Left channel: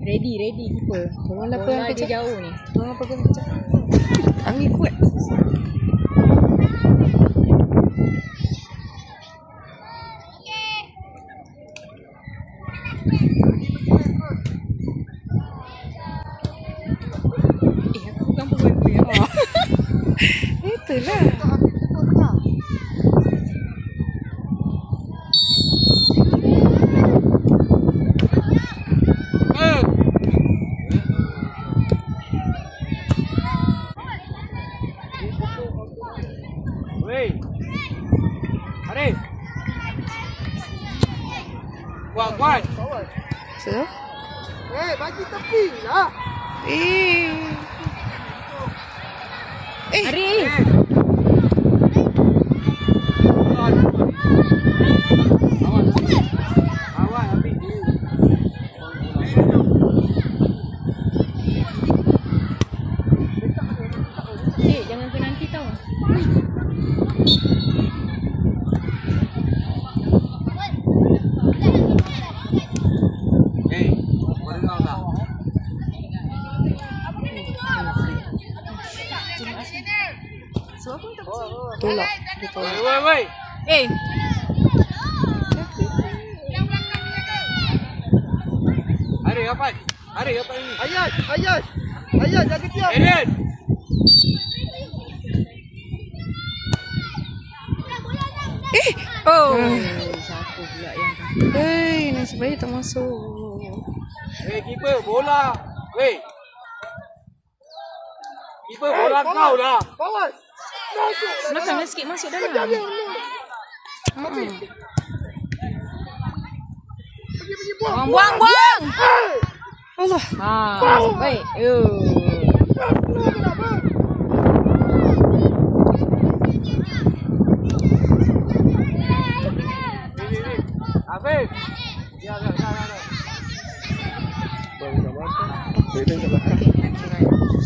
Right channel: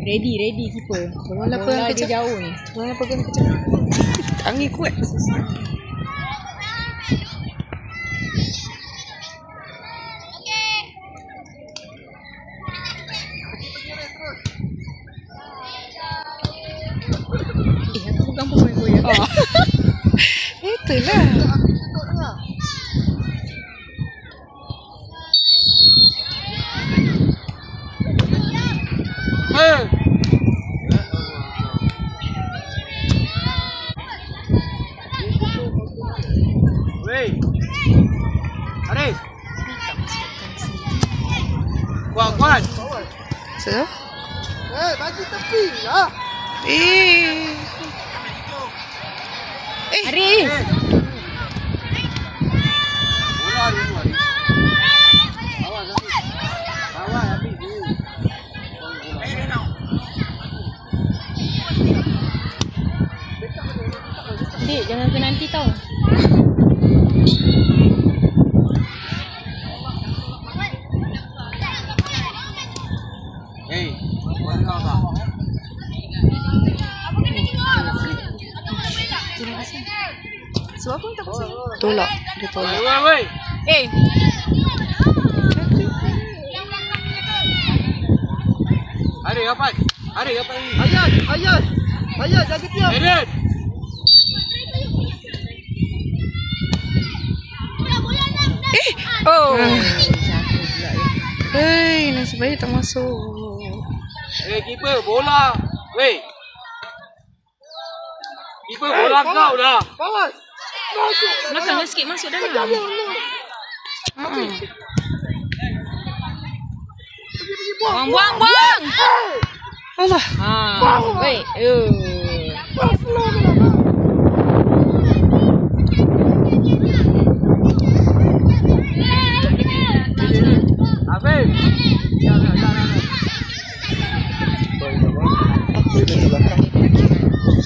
Ready keeper. Tolonglah pegang kejap. Jauh ni. Tolonglah pegang kejap. Angin kuat. Aku bukan pukul-pukul. Oh. Itulah. Wei. Arif. Kuat. So? Bagi tepi lah. Arif. Dek, jangan penalti tau. Sebab apa tak pasal? Tolak. Dia tolak. Arif apa? Ayat lagi tiap. Ellen. Oh. Jatuh pula ya. Hei, nasib baik tak masuk. Keeper bola. Wei. Keeper bola kau dah. Belakang sikit masuk dalam. Buang. Allah. Baik. Habis.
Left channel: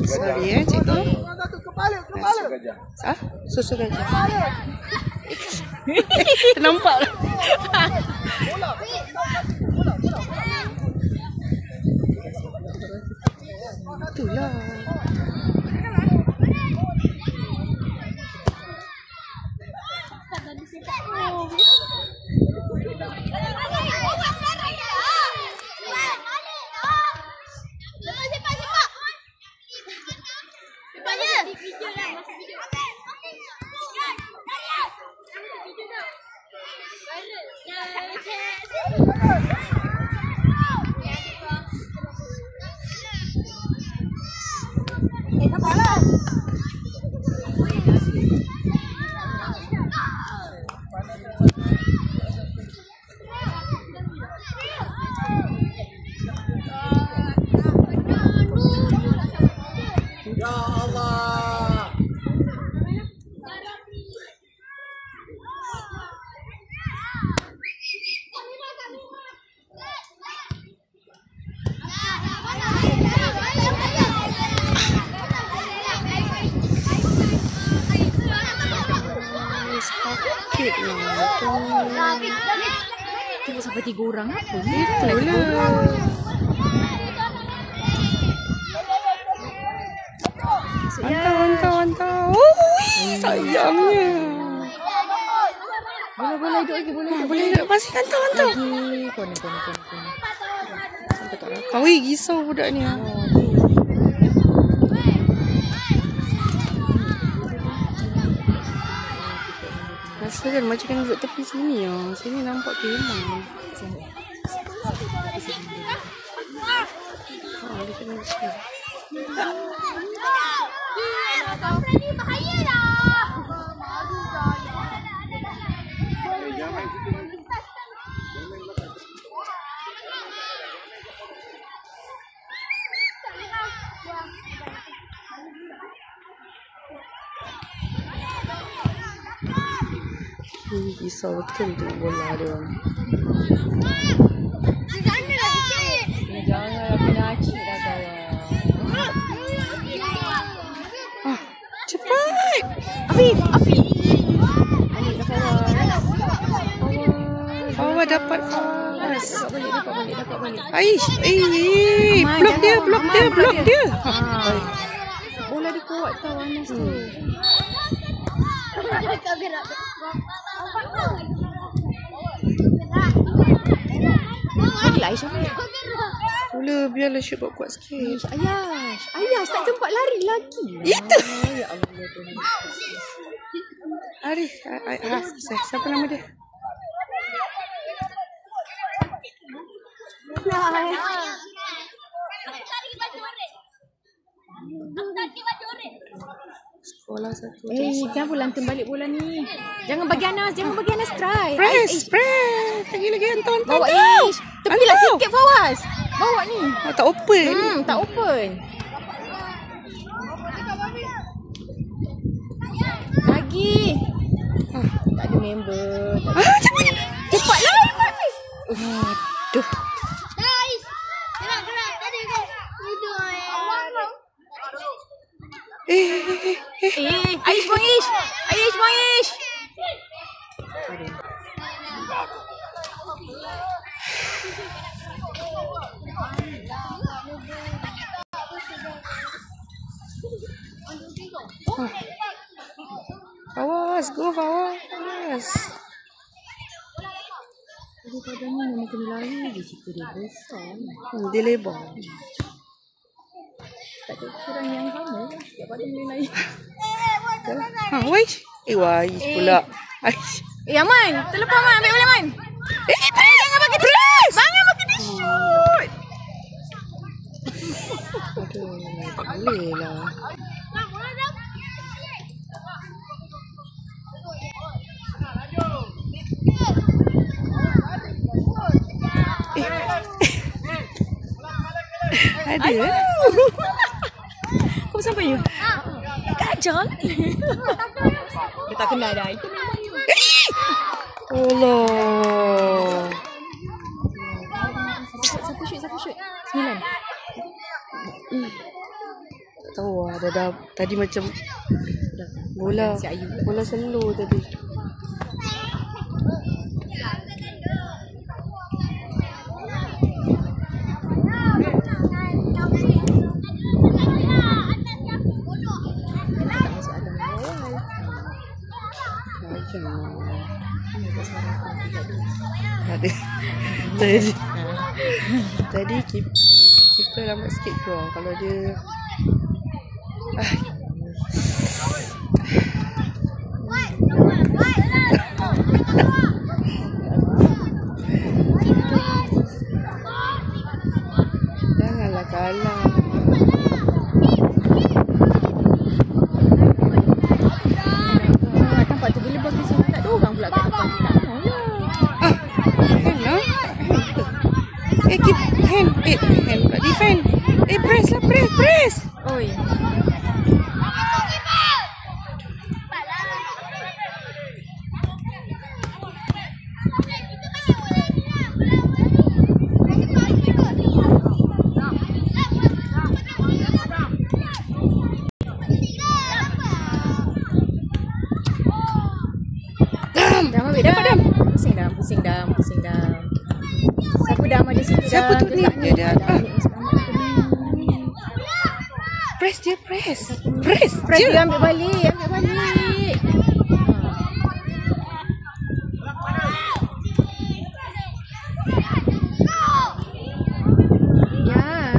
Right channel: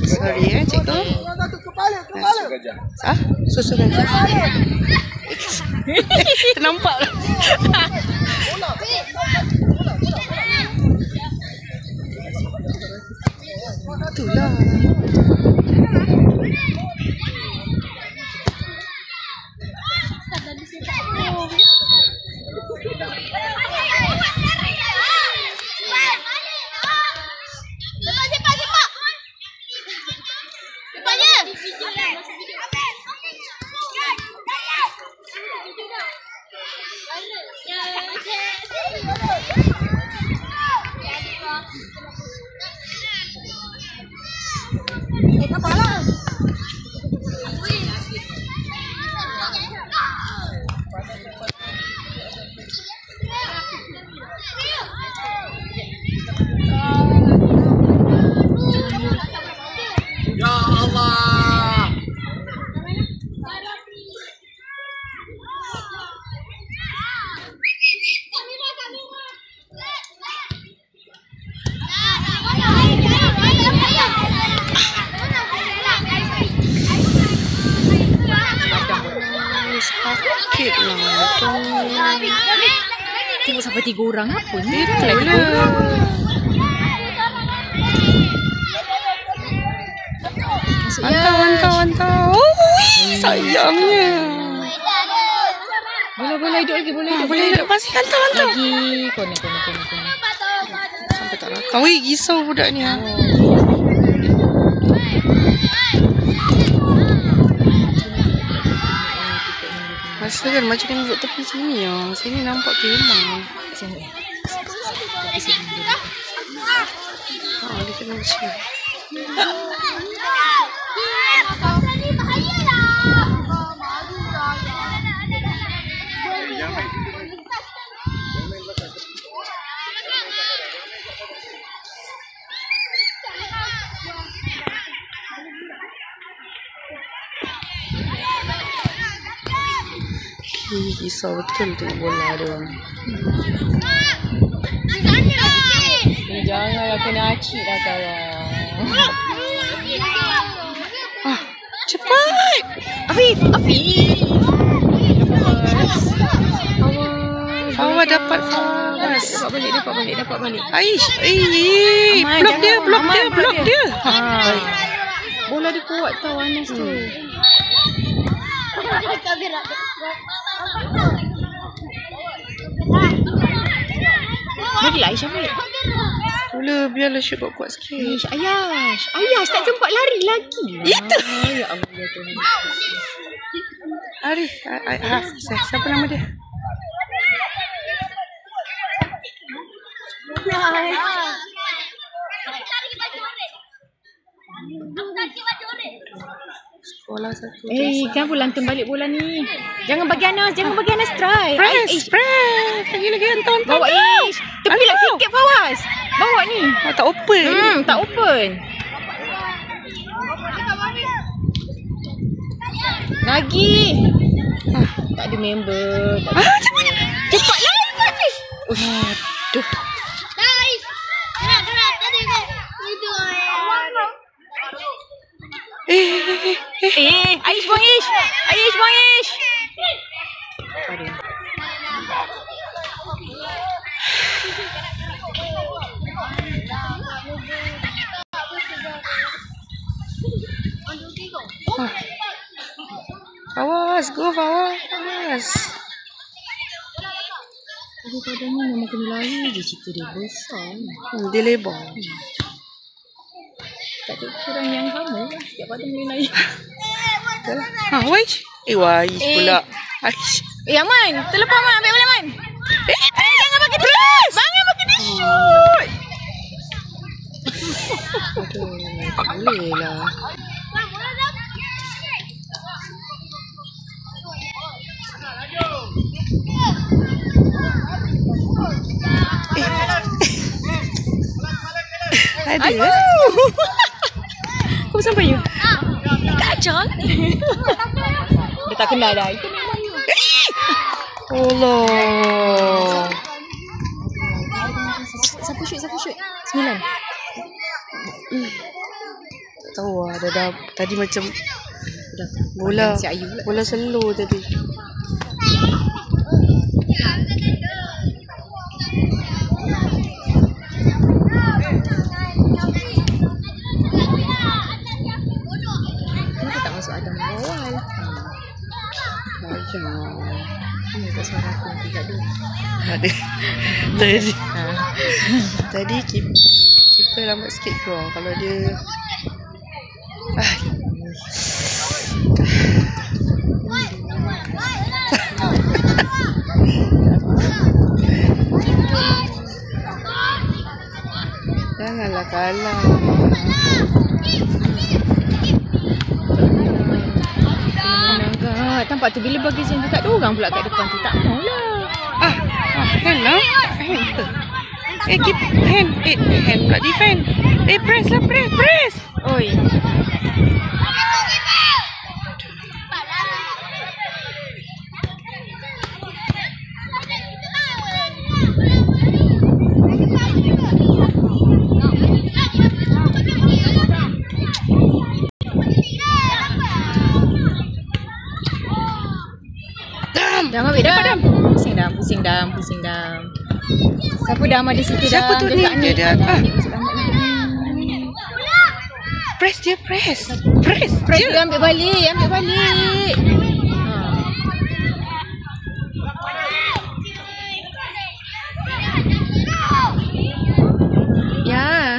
Sorry cikgu. Susu gajah. Ternampak. Itulah. Sakit lah tu. Tengok sampai 3 orang apa ni? Itulah. Mantau. Sayangnya. Boleh hidup lagi, Boleh hidup masih mantau. Lagi kena. Sampai tak rakam. Wih, risau budak ni. Rasa kan macam kena duduk tepi sini ya. Sini nampak kemah. Dia kena macam risau betul tengok bola dia orang. Janganlah kena acik dah kawan. Cepat. Afif. Awal dapat Fawaz. Dapat balik. Aish, Aman, blok dia, jangan. blok Aman, dia, blok dia. dia. Ha. Baik. Bola dia kuat tau Anas tu. Bagi lah Aisyah balik. Mula biarlah shoot kuat sikit. Ayash tak sempat lari lagi. Itu. Ya Allah Tuhan. Arif, Hafiz. Siapa nama dia? Sekolah satu. Kenapa lantun balik bola ni? Jangan bagi Anas try. Press. Lagi hantar. Bawa Ish. Tepilah sikit Fawaz. Bawa ni. Oh, tak open. Tak open. Lagi. Tak ada member. Cepatlah. Aduh. Aish bang Ish. Fawaz, go Fawaz. Daripada ni memang kena lari je cerita dia besar. Dia lebar. Tak ada kurang yang sama lah. Setiap pada boleh lari. Waish. Waish pula. Aish. Aman. Terlepas Aman. Ambil bola Aman. Press. Jangan bagi dia shoot. Aduh, tak boleh lah. Ada. Kau sampai you? Kacau ni. Dia tak kenal dah. Itu memang you. Allah. Siapa shoot? 9. Tak tahu lah. Dah tadi macam bola slow tadi. Tak masuk Adam awal. Ini tak suara aku tidak ada. Ada. Tadi keeper lambat sikit keluar. Kalau dia janganlah kalah. Tampak tu bila bagi saya kat dia orang pula kat depan tu tak maulah. Hand lah. Hand ke? Keep hand. Hand pula defend. Press lah. Press. Oi. Dam ambil dam. Pusing dam. Siapa dam ada situ dah. Siapa tu ni? Dia dah. Press dia. Press dia ambil balik. Ya.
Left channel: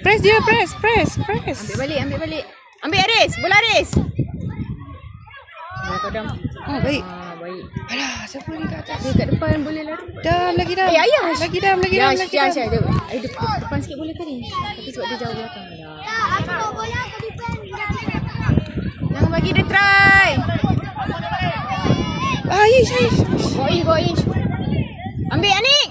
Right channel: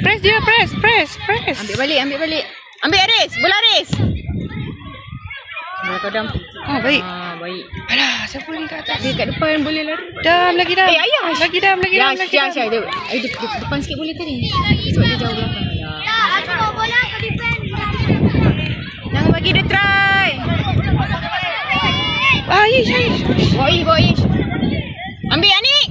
Press dia. Press. Ambil balik. Ambil Aris. Bola Aris. Bola kadang. Oh, baik. Baik. Alah, siapa ni kat atas? Dia kat depan boleh lari. Dam, lagi dam. Ayash. Lagi dam. Depan sikit boleh tadi. Sebab dia jauh belakang. Jangan bagi dia try. Aish. Bawa Ish. Ambil Anik.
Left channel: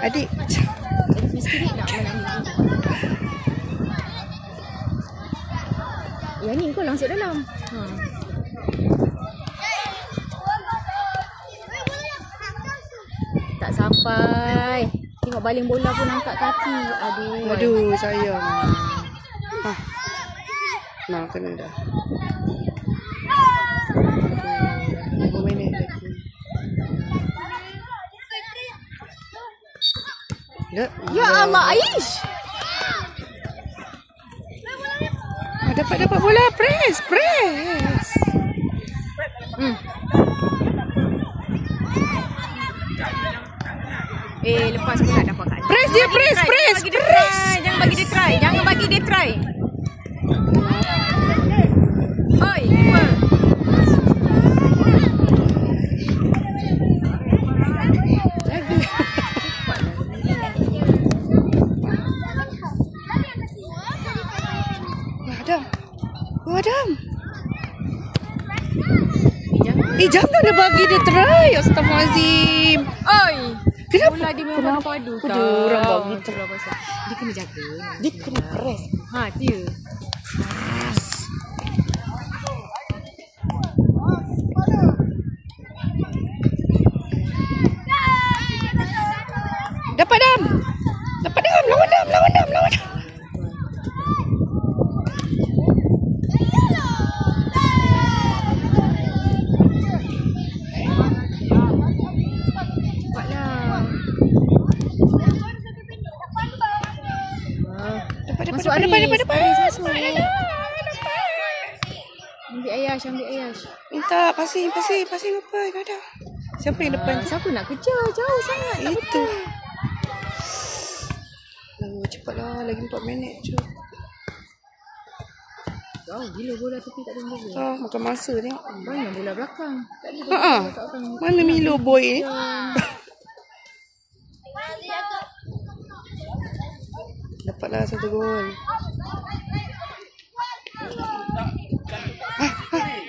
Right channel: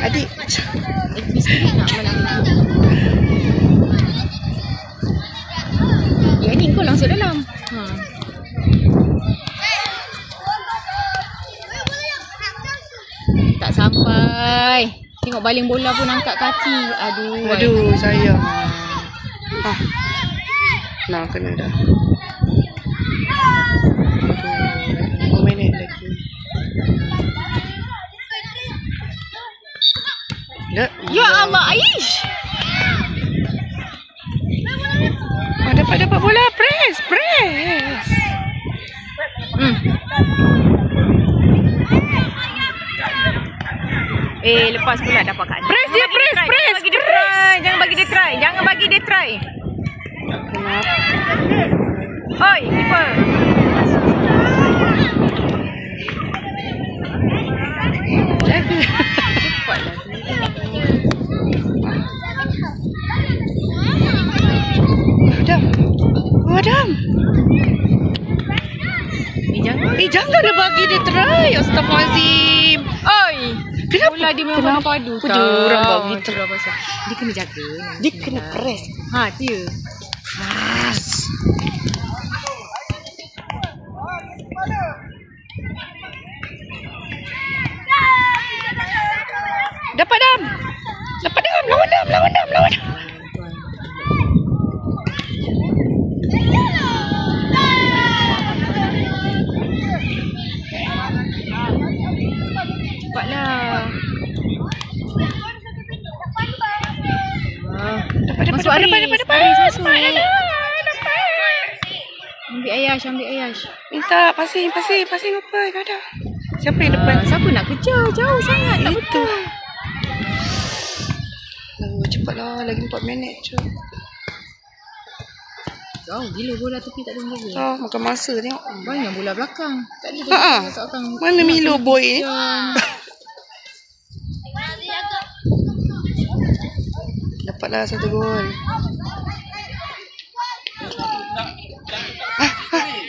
Adik. Misteri nak menang. Ya ni kau langsung dalam. Tak sampai. Tengok baling bola pun angkat kaki. Aduh Sayang. Nah, kena dah. Ya Allah, Aish. Dapat bola. Press. Lepas pula dapat kat. Press dia, press. Jangan bagi dia try. Kenapa? Oi, keeper. Jaga. Adam. Janganlah bagi dia try. Astagfirullahalazim. Oi. Kenapa? Bola dia memang padu tau. Orang bagi try. Dia kena jaga. Dia kena press. Dia. Dapat Dam. Lawan Dam. Cepatlah. Dapat. Ambil Ayash. Minta passing apa? Ada. Siapa yang depan? Siapa nak kejar? Jauh sangat. Itu. Cepatlah, lagi 4 minit je. Jauh gila bola tepi tak ada bola. Makan masa tengok. Banyak bola belakang. Tak ada Mana Milo boy ni? Dapatlah 1 gol.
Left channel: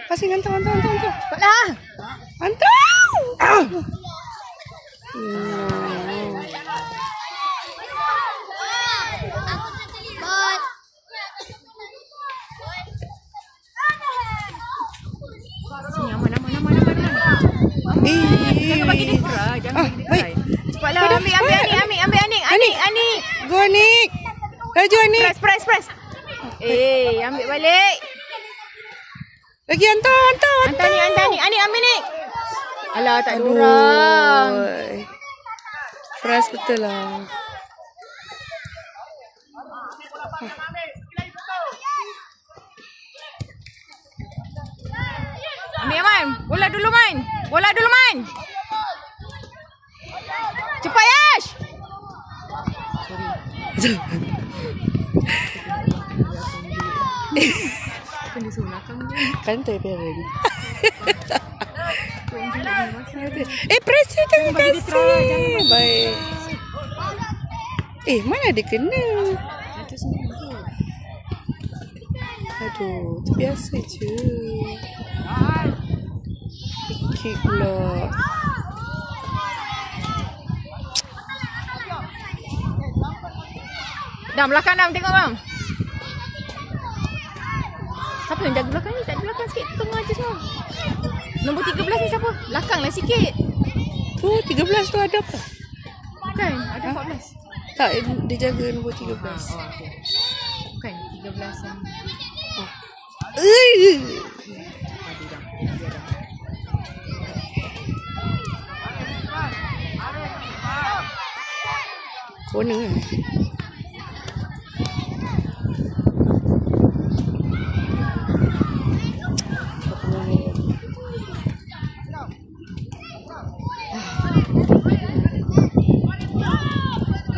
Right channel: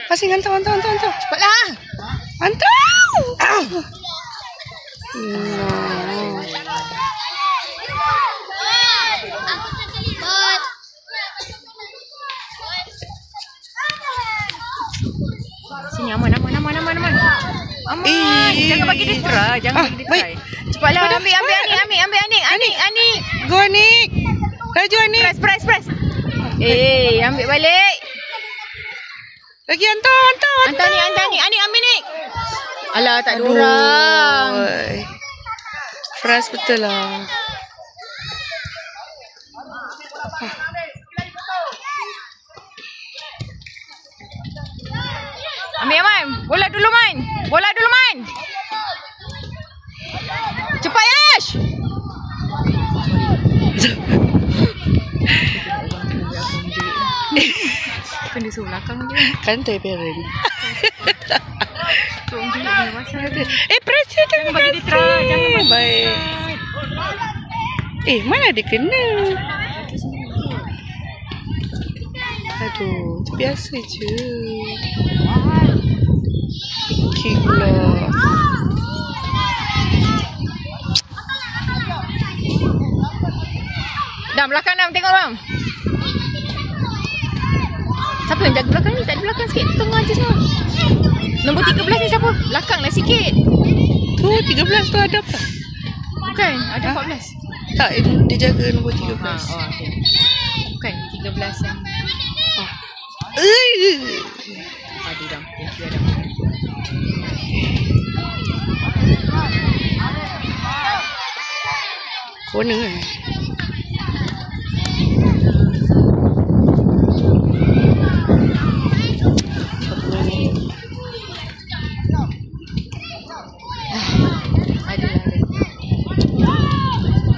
Passing hantar. Cepatlah. Hantar. Sini aman. Jangan bagi dia try. Baik. Cepatlah. Ambil Anik. Go Anik. Laju Anik. Press. Ambil balik. Lagi hantar. Anik ambil Nik. Alah, tak ada orang. Fresh betul lah. Ambil Aman. Bola dulu main. Cepat Yash. Kan dia suruh belakang je. Kantai parent. Tolong tunjuk dia pasal. Press dia jangan bagi dia try. Jangan bagi baik. Mana dia kena? Aduh, terbiasa je. Kick lah. Belakang tengok Dam. Siapa yang jaga belakang ni? Tak ada belakang sikit. Tengah je semua. Nombor 13 ni siapa? Belakang lah sikit. Tu 13 tu ada apa? Bukan, ada 14. Tak, dia jaga nombor 13. Okay. Bukan, 13 yang padu Dam. Corner kan?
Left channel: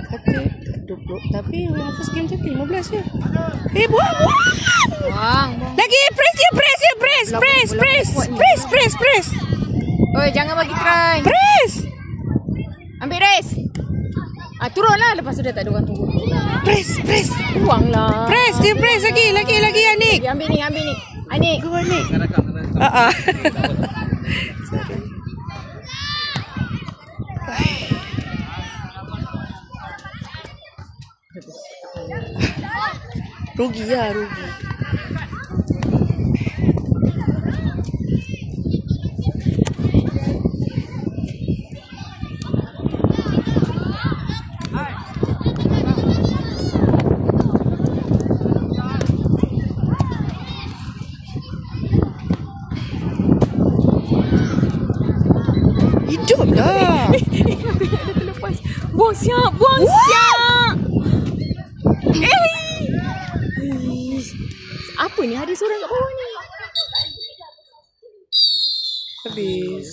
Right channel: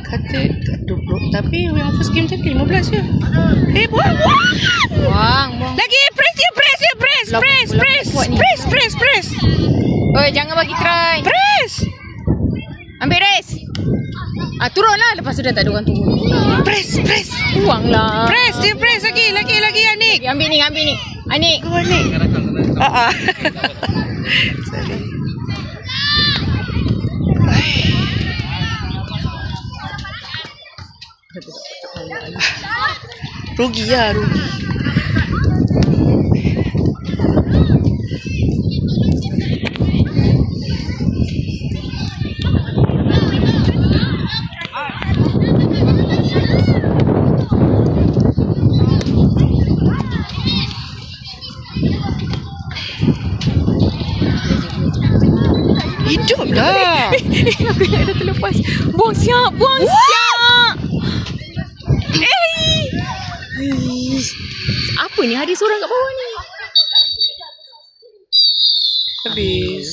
Kata 20. Tapi yang first game tadi 15 je. Buang. Lagi press. Oi, jangan bagi try. Press. Ambil race. Turunlah. Lepas tu dah tak ada orang turun. Press. Buanglah. Press lagi Anik. Ambil ni. Anik. Go Anik. Sorry. Rugi. Hiduplah. Aku dah terlepas. Buang siap. Apa ni? Ada seorang kat bawah ni. Habis.